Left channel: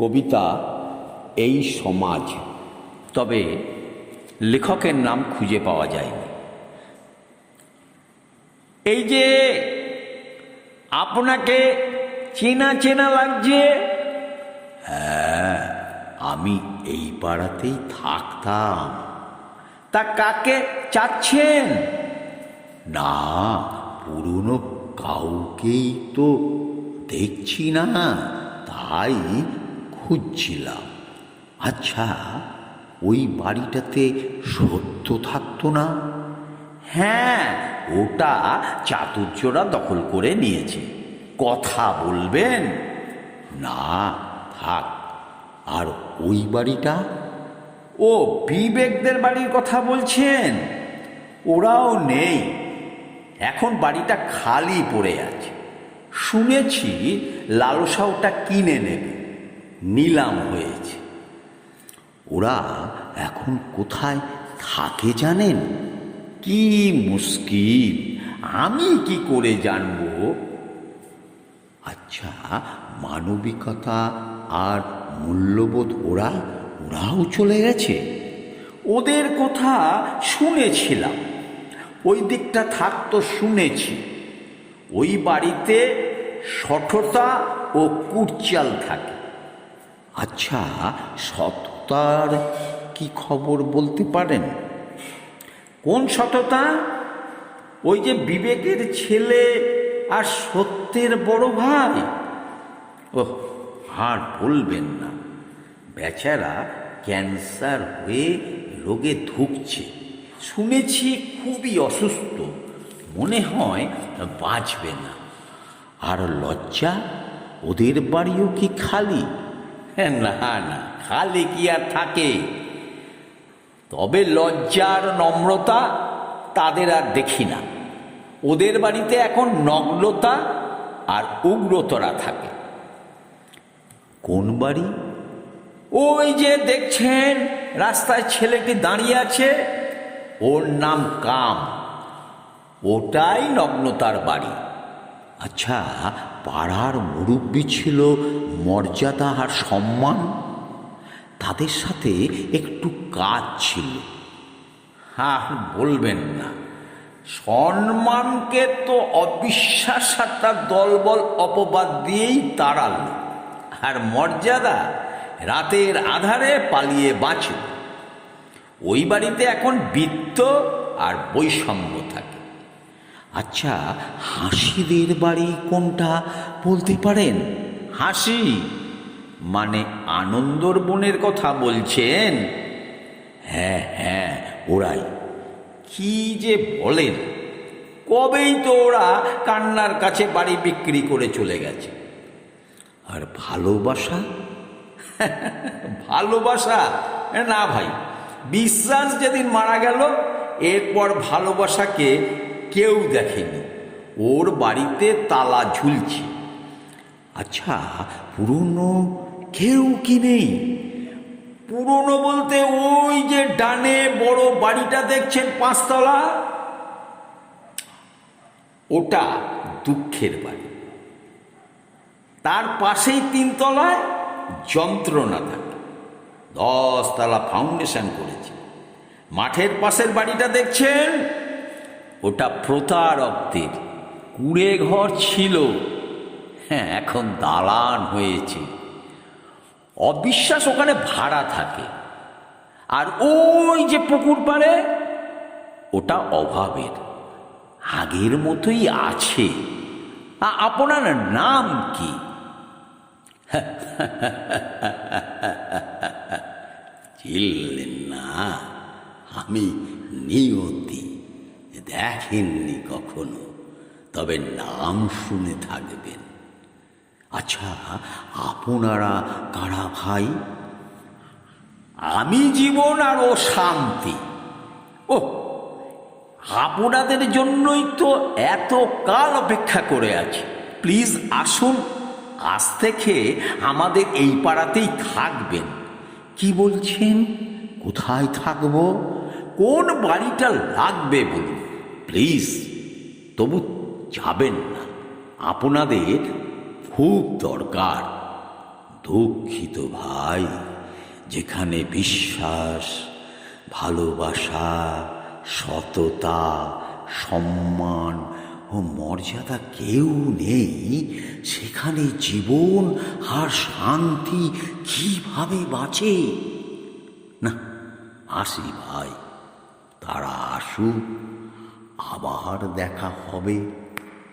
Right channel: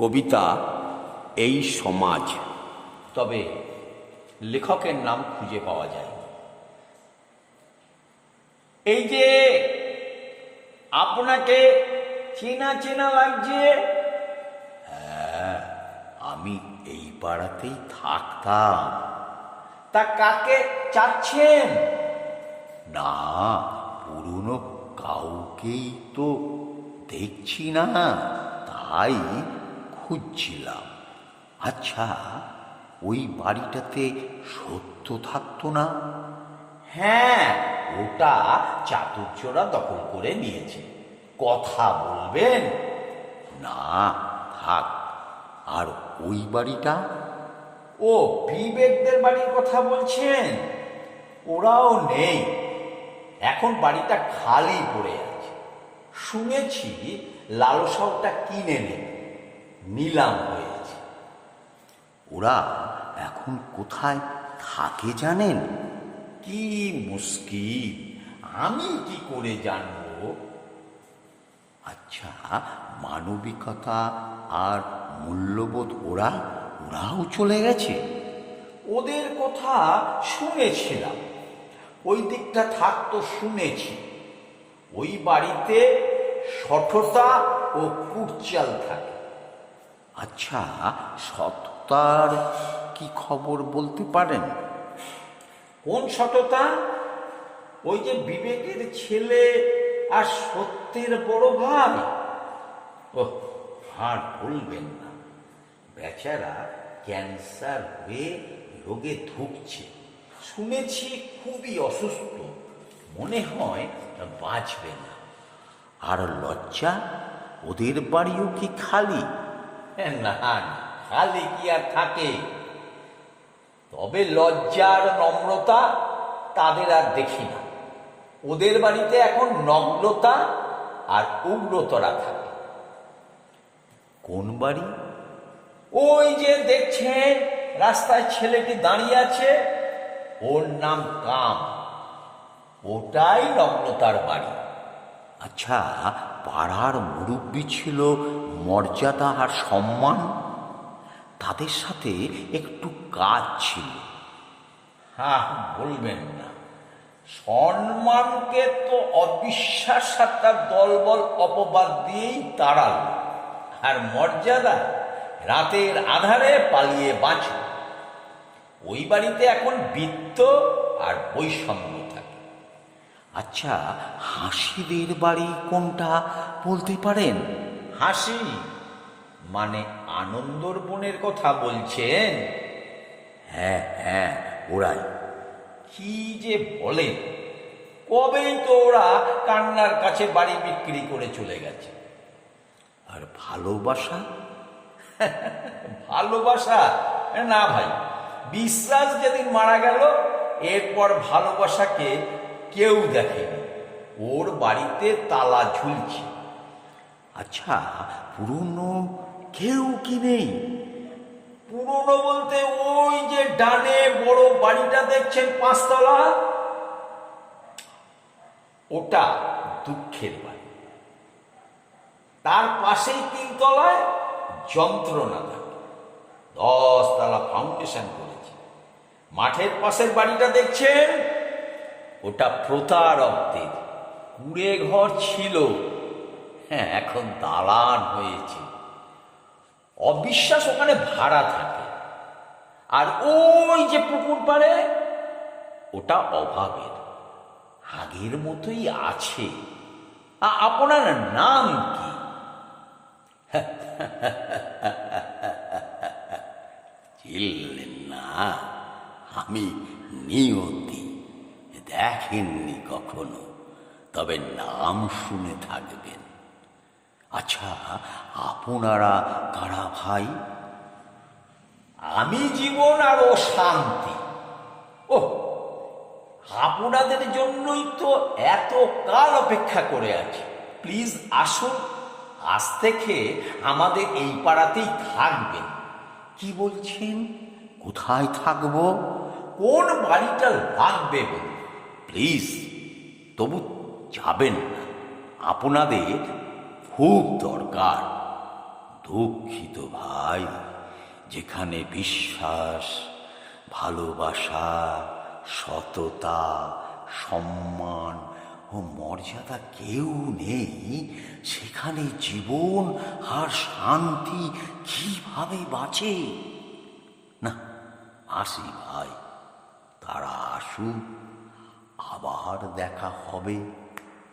কবিতা এই সমাজ, তবে লেখকের নাম খুঁজে পাওয়া যায়নি। এই যে আপনাকে চেনা চেনা লাগছে। হ্যাঁ, আমি এই পাড়াতেই থাকতাম। তা কাকে চাচ্ছেন? না, পুরনো কাউকেই তো দেখছি না, তাই খুঁজছিলাম। আচ্ছা, ওই বাড়িটাতে সত্য থাকতো না? হ্যাঁ, ওটা চাতুর্যরা দখল করে নিয়েছে। কথা বলবেন? না, থাক। আর ওই বাড়িটা? ও বিবেকদের বাড়ির কথা বলছেন? ওরাও নেই, এখন বাড়িটা খালি পড়ে আছে। শুনেছি লালসা ওটা কিনে নেবে, নিলাম হয়েছে। ওরা এখন কোথায় থাকে জানেন? কি মুশকিল, আমি কি করে জানবো? আচ্ছা, মানবিকতা আর মূল্যবোধ ওরাও চলে গেছে? ওদের কথা শুনেছিলাম, ওই দিকটা থাকতো শুনেছি। ওই বাড়িতে সঠতা ও কুটচাল থাকে। আচ্ছা, সততার কি খবর বলতে পারেন? কোন সততা? ওই যে বিবেকের ছেলে আর সত্যের বড় ভাই। ওহ, আর বলবেন না, বেচারা ক্যান্সার হয়ে রোগে ধুঁকছে। শুনেছি খুবই অসুস্থ, মনে হয় বাঁচবে না। আর লজ্জা, ওদের বাড়িও কি খালি? না না, খালি কি আর থাকে? তবে লজ্জা আর নম্রতা তাদের আর দেখি না। ওদের বাড়িতে এখন নগ্নতা আর উগ্রতরা থাকে। কোন বাড়ি? ওই যে দেখছেন রাস্তায় ছেলেটি দাঁড়িয়ে আছে, ওর নাম কাম। ওটাই নগ্নতার বাড়ি। আচ্ছা, পাড়ার মুরব্বি ছিল মর্যাদা আর সম্মান, তাদের সাথে একটু কাজ ছিল। হ্যাঁ, বলবেন না, সম্মানকে তো অবিশ্বাস আর তার দলবল অপবাদ দিয়েই তাড়াল। আর মর্যাদা রাতের আধারে পালিয়ে বাঁচে। ওই বাড়িতে এখন বৃত্ত আর বৈষম্য থাকে। আচ্ছা, হাসিদের বাড়ি কোনটা বলতে পারেন? হাসি মানে আনন্দর বোনের কথা বলছেন? হ্যাঁ হ্যাঁ, ওরাই। কি যে বলেন, কবেই তো ওরা কান্নার কাছে বাড়ি বিক্রি করে চলে গেছে। আর ভালোবাসা? ভালোবাসা না ভাই, বিশ্বাস যেদিন মারা গেল এরপর ভালোবাসাকে কেউ দেখেনি। ওর বাড়িতে তালা ঝুলছে। আচ্ছা, পুরনো কেউ কি নেই? পুরনো বলতে ওই যে ডানে বড় বাড়িটা দেখছেন 5 তলা, ওটা দুঃখের বাড়ি। তার পাশেই 3 তলায় যন্ত্রণা থাকে। 10 তলা ফাউন্ডেশন করেছে। মাঠের পাশের বাড়িটা দেখছেন, ওটা প্রতারকদের কুড়ে ঘর ছিল, হ্যাঁ এখন দালান হয়েছে। অবিশ্বাস ওখানে ভাড়া থাকে। আর ওই যে পুকুর পাড়ে, ওটা অভাবের, আগের মতোই আছে। আপনার নাম কি? চিনলেন না? আমি নিয়তি। দেখেননি কখনো, তবে নাম শুনে থাকবেন। আচ্ছা, আপনারা কারা ভাই? আমি জীবন আর ও শান্তি। ও, আপনাদের জন্যই তো এত কাল অপেক্ষা করে আছি। প্লিজ আসুন, আজ থেকে আমাদের এই পাড়াতেই থাকবেন। কি বলছেন? কোথায় থাকবো? কোন বাড়িটা লাগবে বলুন প্লিজ। তবু যাবেন না, আপনাদের খুব দরকার। দুঃখিত ভাই, যেখানে বিশ্বাস, ভালোবাসা, সততা, সম্মান ও মর্যাদা কেউ নেই, সেখানে জীবন আর শান্তি কিভাবে বাঁচে? না, আসি ভাই, তারা আসুক, আবার দেখা হবে।